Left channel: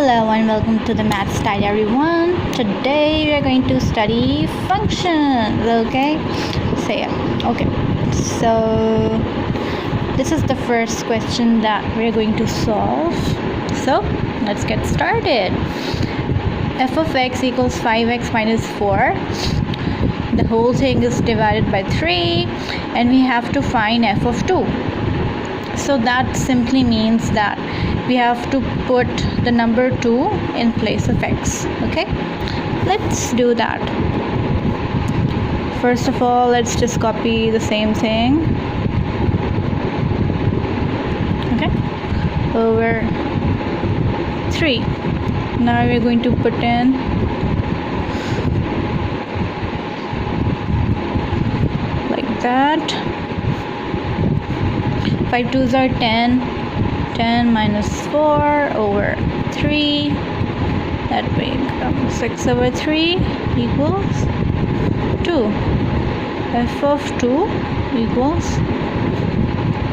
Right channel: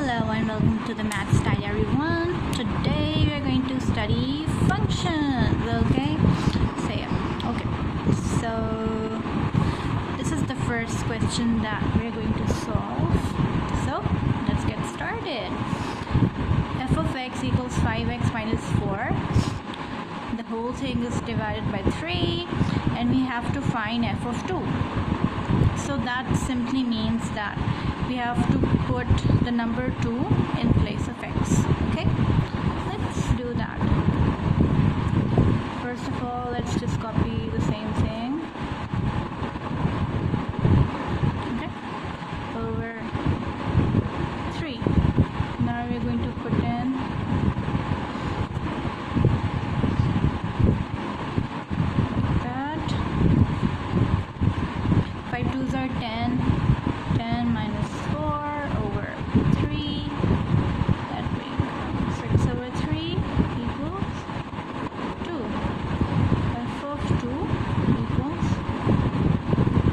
Hello and welcome to the Maths Diary 1. Today we are going to study functions, okay? So this is the first question that we are going to solve. So let's get started. F of x equals 5x minus 4. The whole thing is divided by 3 and we have to find f of 2. So that simply means that we have to put the number 2 in place of x. Okay, let's do that. First of all, let's just copy the same thing, okay, over 3. Now we're going to put in like that. 5 2s are 10. 10 minus 4 over 3, that becomes 6 over 3 equals 2. F of 2 equals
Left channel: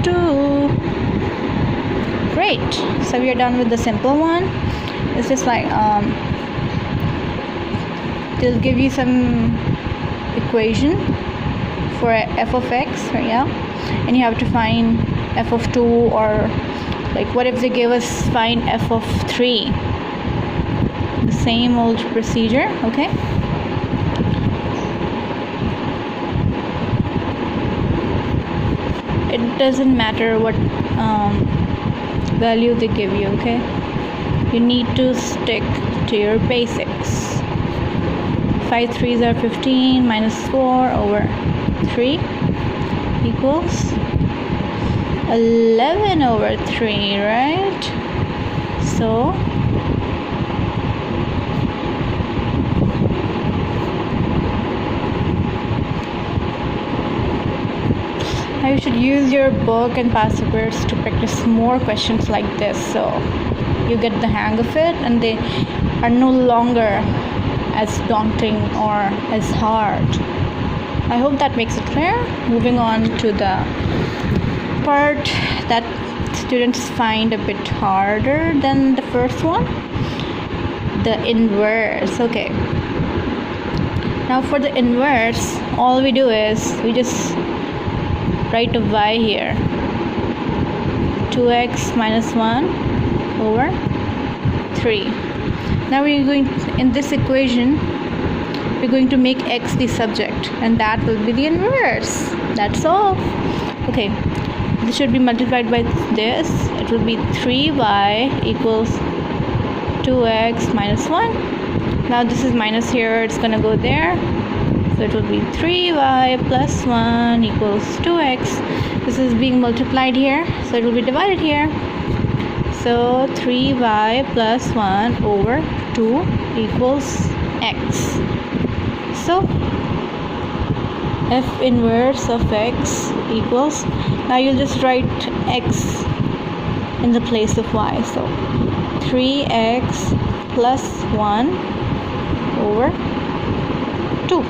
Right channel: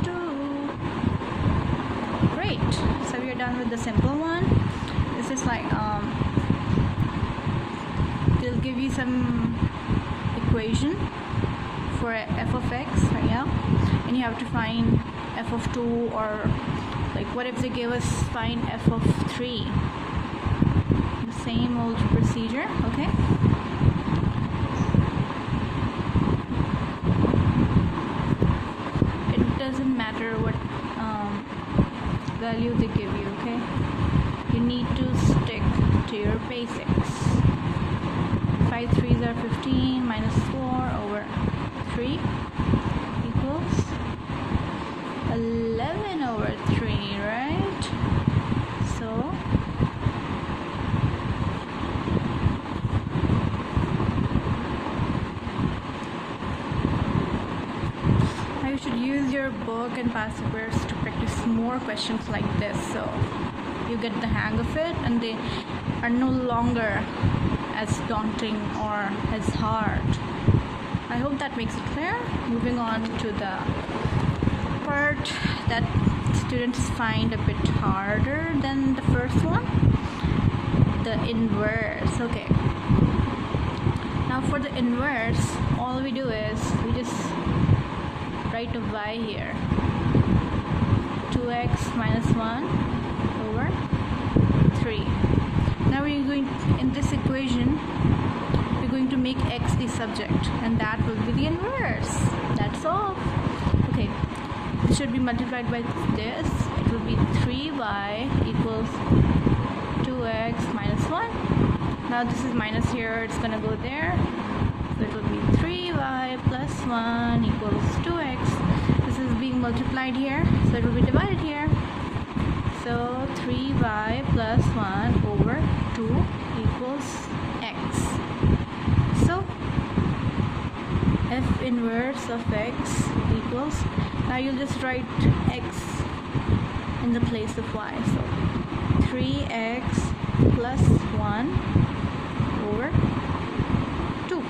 2. Great. So we are done with the simple one. It's just like they'll give you some equation for f of x, right? Yeah, and you have to find f of 2, or like what if they give us find f of 3? The same old procedure, okay? It doesn't matter what value they give you, okay? You need to stick to your basics. 5 3s are 15 minus 4 over 3 equals 11 over 3, right? So now you should use your book and past papers to practice more questions like this, so you get the hang of it and they are no longer as daunting or as hard. I hope that makes it clear. Moving on to the part that students find a bit harder than the first one, the inverse. Okay, now for the inverse, all we do is we just write a y here. 2x minus 1 over 3. Now we're going, in this equation we're going to make x the subject and that will be the inverse. That's all. Okay, this should be multiplied by this. It will be 3y equals 2x minus 1. Now this is minus here, it's gonna go there, so it will be 3y plus 1 equals 2x. This is being multiplied here, so it will be divided here. So 3y plus 1 over 2 equals x. So f inverse of x equals, now you'll just write x in the place of y, so 3x plus 1 over 2.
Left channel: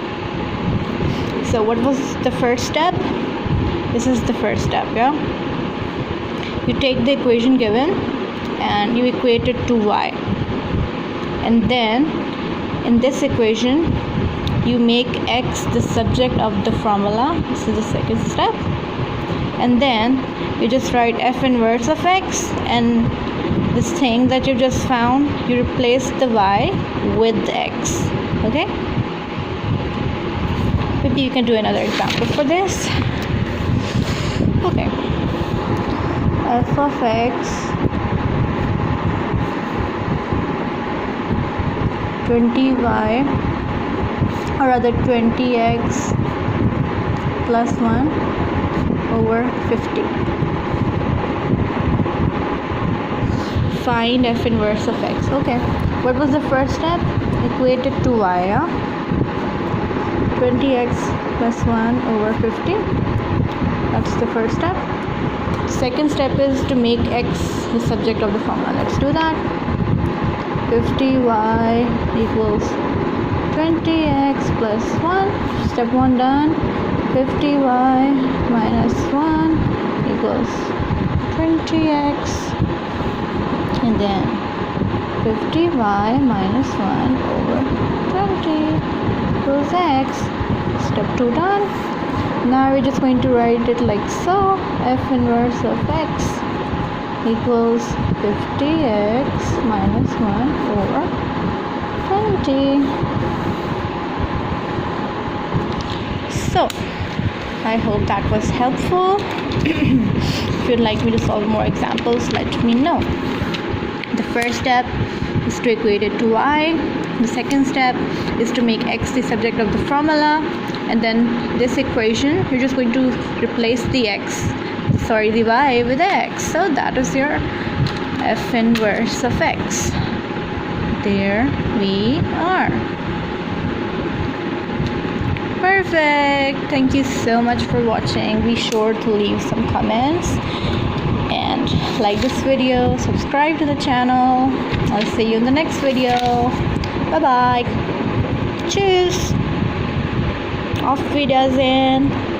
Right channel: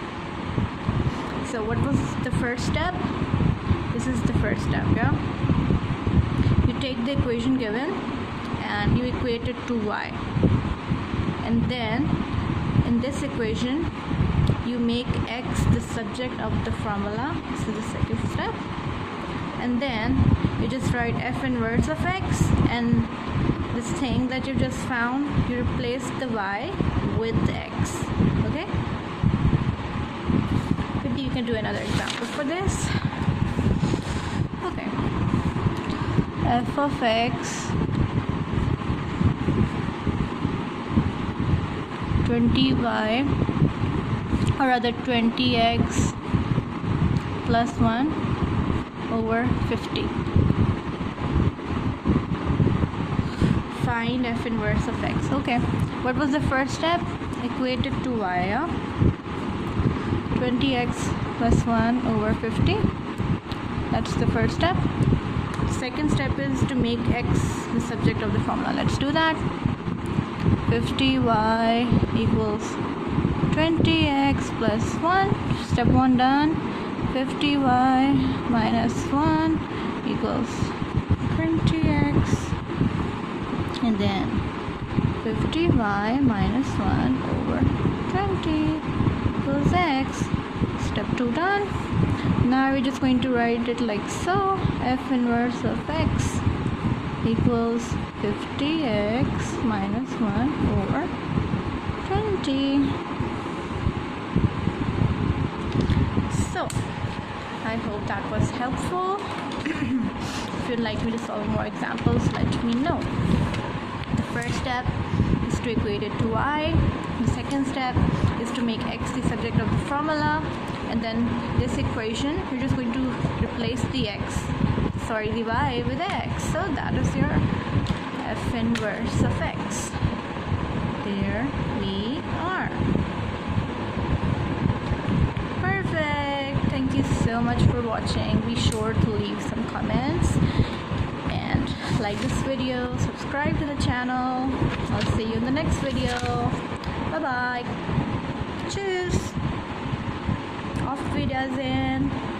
So what was the first step? This is the first step, yeah? You take the equation given and you equate it to y, and then in this equation you make x the subject of the formula. This is the second step. And then you just write f inverse of x, and this thing that you just found, you replace the y with the x. Okay, maybe you can do another example for this. Okay, f of x 20y, or rather 20x plus 1 over 50. Find f inverse of x. Okay, what was the first step? Equate it to y, yeah? 20x plus 1 over 50. That's the first step. Second step is to make x the subject of the formula. Let's do that. 50y equals 20x plus 1. Step 1 done. 50y minus 1 equals 20x, and then 50y minus 1 over 20 equals x. Step 2 done. Now we're just going to write it like so. F inverse of x equals 50x minus 1 over 20. So I hope that was helpful. If you'd like me to solve more examples, let me know. The first step is to equate it to y. The second step is to make x the subject of the formula, and then this equation you're just going to replace the y with x. So that is your f inverse of x. There we are. Perfect. Thank you so much for watching. Be sure to leave some comments and like this video, subscribe to the channel. I'll see you in the next video. Bye bye. Tschüss. Auf Wiedersehen.